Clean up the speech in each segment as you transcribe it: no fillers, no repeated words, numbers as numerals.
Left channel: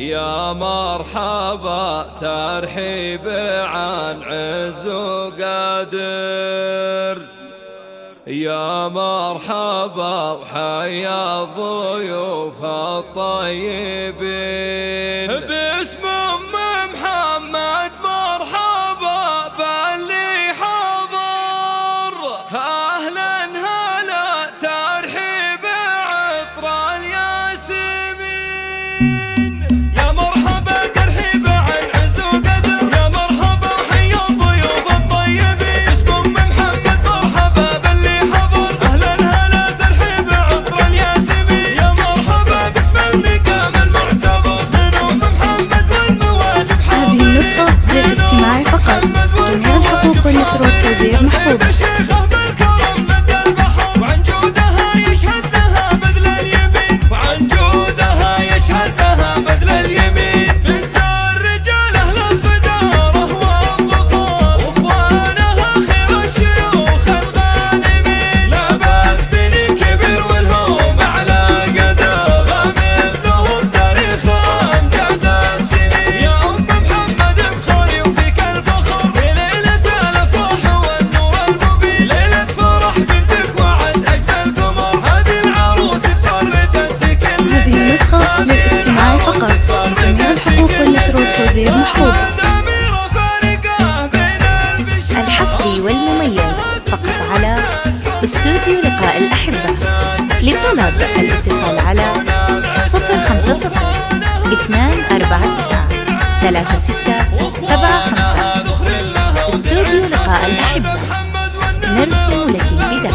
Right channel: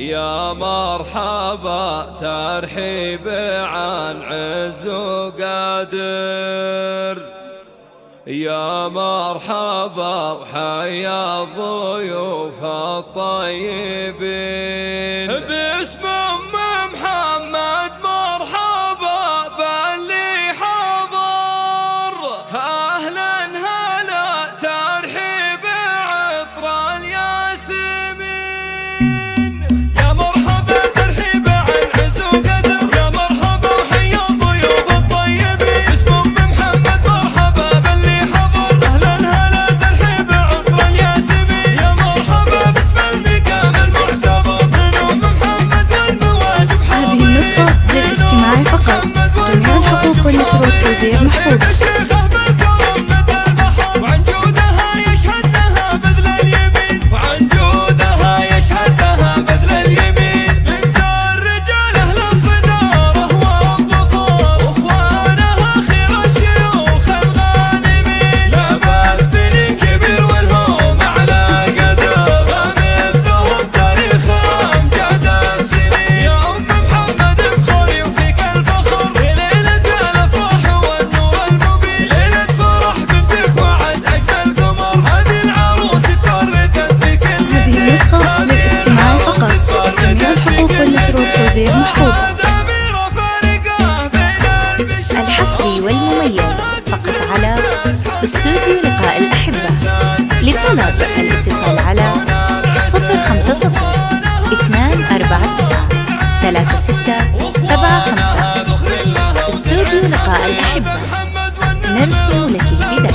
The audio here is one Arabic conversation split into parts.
يا مرحبا ترحيب عن عز وقادر، يا مرحبا وحيا الضيوف الطيبين. باسم محمد مرحبا باللي حضر، أهلا هلا ترحيب عطر الياسمين. يا مرحبا ترحيب عن عز وقدر، يا مرحبا وحيا الضيوف الطيبين. باسم محمد مرحبا باللي حضر، أهلا هلا ترحيب عطر الياسمين. يا مرحبا باسم المقام المعتبر من محمد والمواجب حاضرين. هذه النسخة للاستماع فقط، جميع الحقوق والنشر والتوزيع محفوظة. وعن جودها يشهد لها بذل اليمين، وعن جودها يشهد لها بذل اليمين. بنت الرجال أهل الصدارة والظفار، واخوانها خير الشيوخ الغانمين. لا بات بني كبير والهم على قدر، مثلهم تاريخ أمجاد السنين. يا أم محمد افخري وفيك الفخر، في ليلة الأفراح والنور المبين. ليلة فرح بنتك وعد أجمل قمر، هذه العروس تفردت في كل. هذه النسخة للاستماع فقط، جميع الحقوق والنشر والتوزيع محفوظة. الحصري والمميز فقط على استوديو لقاء الأحبة. للطلب الاتصال على 050 249 3675. استوديو لقاء الأحبة، نرسم لك البداية.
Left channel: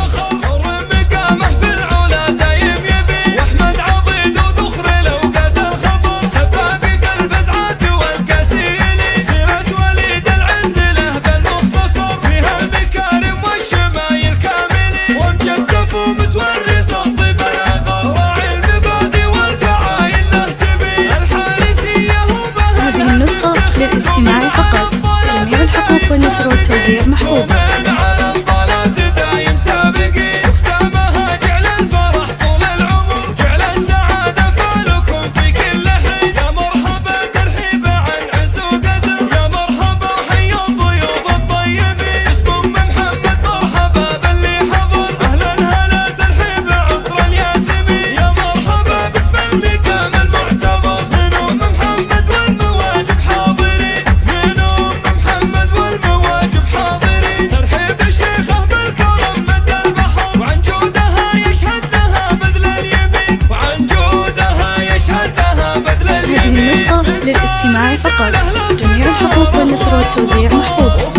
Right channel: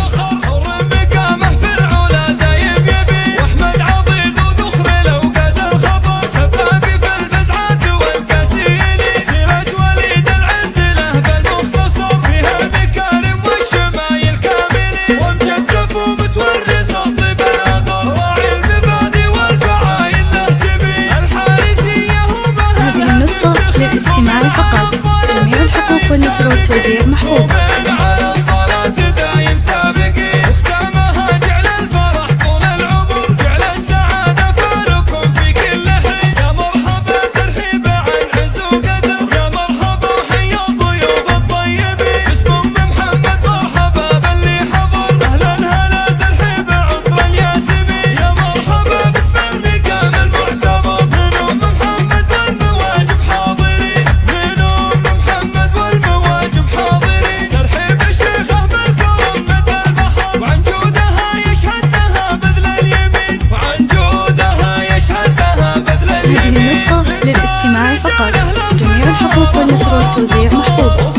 هذه النسخة للاستماع فقط، جميع الحقوق والنشر والتوزيع محفوظة. هذه النسخة للاستماع فقط، جميع الحقوق والنشر والتوزيع محفوظة.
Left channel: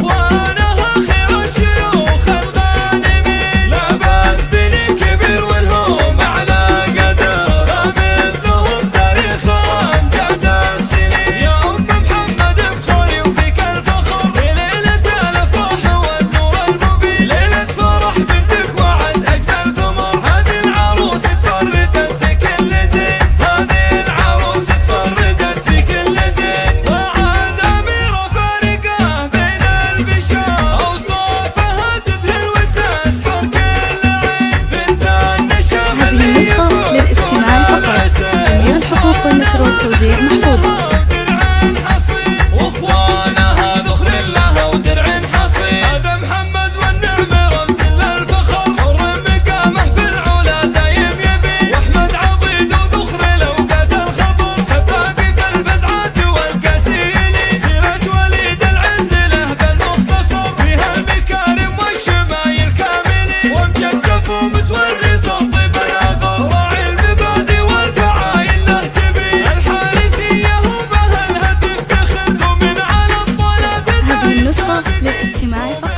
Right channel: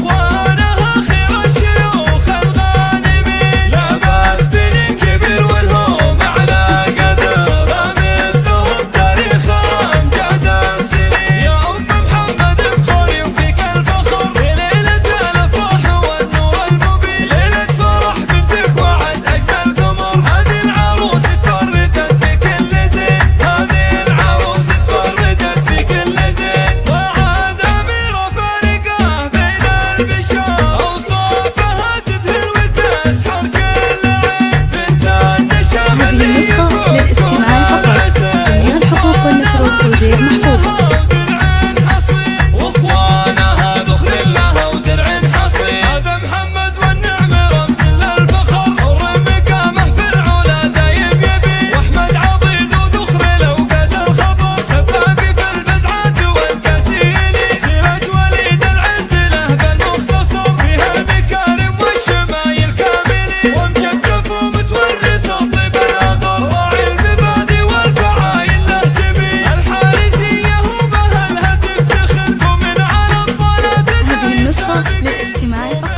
هذه النسخة للاستماع فقط، جميع الحقوق والنشر والتوزيع محفوظة. للاستماع فقط.